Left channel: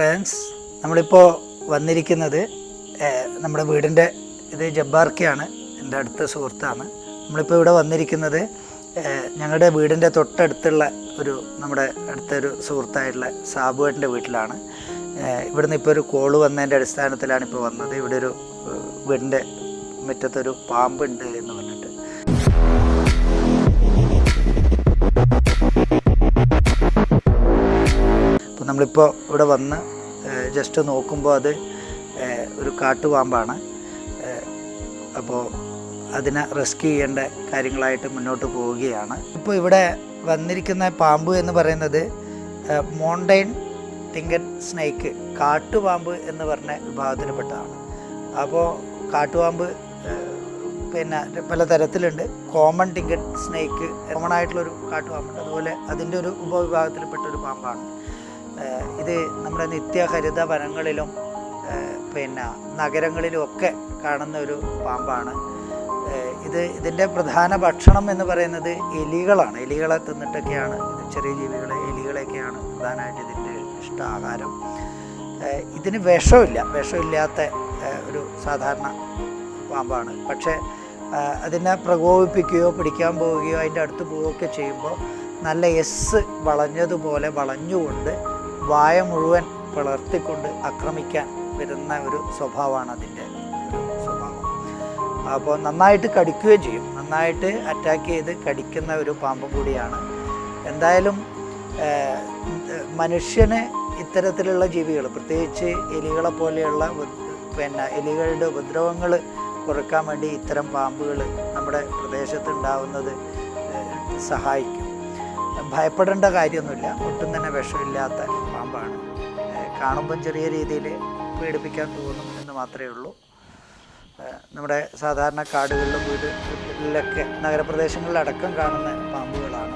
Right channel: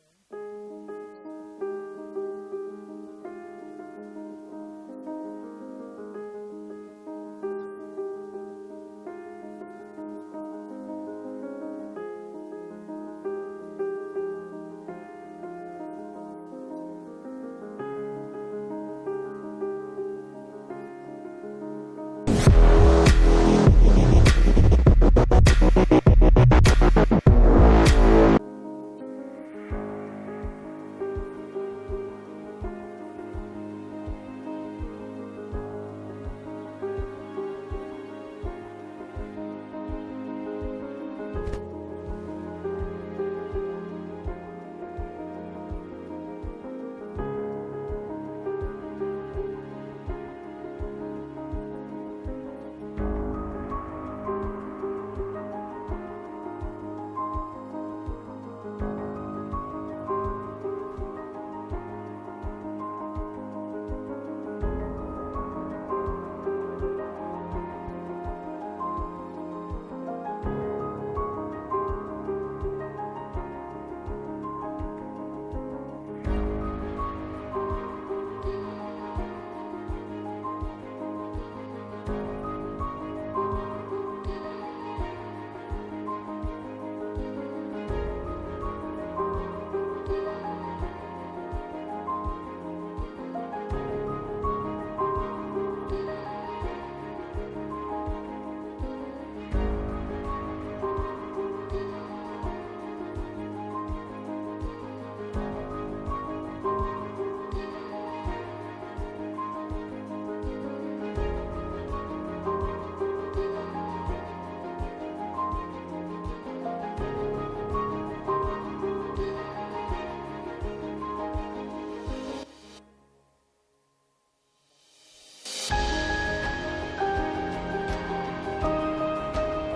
Friends, നമ്മളിപ്പോൾ വന്നിരിക്കുന്നത് നമ്മുടെ വീടിൻ്റെ ഇത് ജബ്ബാർക്കയാണ്, എൻ്റെ അടുത്ത സുഹൃത്താണ്. നമ്മളിപ്പോൾ ഇവിടെ വന്നിരിക്കുന്നത് ഞങ്ങളുടെ വീടിൻ്റെ തൊട്ടടുത്തുള്ള നമ്മുടെ അടുത്തൊരു സുഹൃത്തായിട്ടുള്ള സാബുവേട്ടൻ്റെ വീട്ടിലാണ്. ഇവിടുന്ന് ഇപ്പോൾ ഒരു കോള് വന്നതിൻ്റെ അടിസ്ഥാനത്തിലാണ് ഇപ്പോൾ വന്നത്. ഇവിടെ ഒരു വീടിൻ്റെ മുറ്റത്തൊരു പാമ്പുണ്ട് എന്ന് പറഞ്ഞിട്ട്. അപ്പോൾ നമ്മളിപ്പോൾ ഇവിടെ വന്ന് ജസ്റ്റ് നോക്കുമ്പോൾ അത് ഒരു കാട്ടുപാമ്പാണ്. അപ്പോൾ അതിനെ റെസ്ക്യൂ ചെയ്യേണ്ട കാര്യങ്ങളായിട്ട് മുന്നോട്ട് പോവുകയാണ്. ഇപ്പോൾ ഇവിടെ വന്നിരിക്കുന്ന പാമ്പ് എന്ന് പറയുന്നത് മൗണ്ടൈൻ ടിങ്കറ്റ് സ്നേക്ക്, കാട്ടുപാമ്പ് എന്ന് പറഞ്ഞ വിഭാഗത്തിൽപ്പെട്ടതാണ്. അപ്പോൾ കാട്ടുപാമ്പ് പിന്നെ പല തരത്തിലുണ്ട്. കോമൺ ടിങ്കറ്റ് സ്നേക്ക് കോമൺ ആയിട്ടുള്ളൊരു കാട്ടുപാമ്പുണ്ട്, അതുപോലെ അതിൻ്റെ ഒരു ഉപവിഭാഗത്തിൽപ്പെട്ടൊരു പാമ്പാണ്. ഇത് നമ്മുടെ നിത്യഹരിത വനങ്ങളിലും പിന്നെ നഗരങ്ങളിലും ഒക്കെ കാണുന്ന ഒരു പാമ്പാണ്. ഇതിൻ്റെ പ്രധാന ഭക്ഷണം എന്ന് പറയുന്നത് എലികളാണ്. എലികളെ തിന്നിട്ടൊക്കെയാണ്, ചെറിയ ജീവികളെ എലികളെയൊക്കെയാണ് പ്രധാനമായിട്ട് ഇതിൻ്റെ ഇഷ്ടാഹാരം. ഇതിന് വിഷമില്ലാത്ത ഒരു സാധാരണ പാമ്പാണ്. പക്ഷേ അതിനെ പ്രകോപിപ്പിക്കുകയോ പിടിക്കാൻ പോവുകയോ അതിൻ്റെ അടുത്ത് പോവുകയൊക്കെ ചെയ്യുമ്പോൾ നല്ല വളഞ്ഞതുപോലെ വളഞ്ഞുകൊണ്ട് വായ മുഴുവൻ വളർത്തിക്കൊണ്ട് ആക്രമിക്കാൻ വരുന്ന ഒരു സ്വഭാവമാണ് അതിൻ്റെ സ്വഭാവം. അപ്പോൾ നന്നായിട്ട് കടിക്കുകയും ചെയ്യും, നന്നായിട്ട് അറ്റാക്ക് ചെയ്ത് കടിക്കുന്ന ഒരു പാമ്പും കൂടിയാണ്. എന്തായാലും മനുഷ്യന് ഇത്തരത്തിലുള്ള ജീവികൾ, പ്രത്യേകിച്ച് എലികളെ പോലെയുള്ള എലികളുടെ ഉപദ്രവങ്ങൾ കുറയ്ക്കാൻ വേണ്ടി ഇത്തരം പാമ്പുകൾ നമ്മുടെ പ്രദേശത്തുണ്ടാവുന്നത് സഹായിക്കും. ഭയപ്പെടേണ്ട കാര്യമൊന്നുമില്ല, ഒട്ടും തന്നെ വിഷമില്ലാത്ത പാമ്പാണ്. കാണുമ്പം ചെറിയ രീതിയിൽ പേടിപ്പിക്കാൻ തോന്നും എന്ന് മാത്രമേ ഉള്ളൂ. നമ്മുടെ സാധാരണ കാടുകളിലും വീടുകളിലൊക്കെ നഗരപ്രദേശങ്ങളിലടക്കം കാണുന്ന പാമ്പുകളാണ്.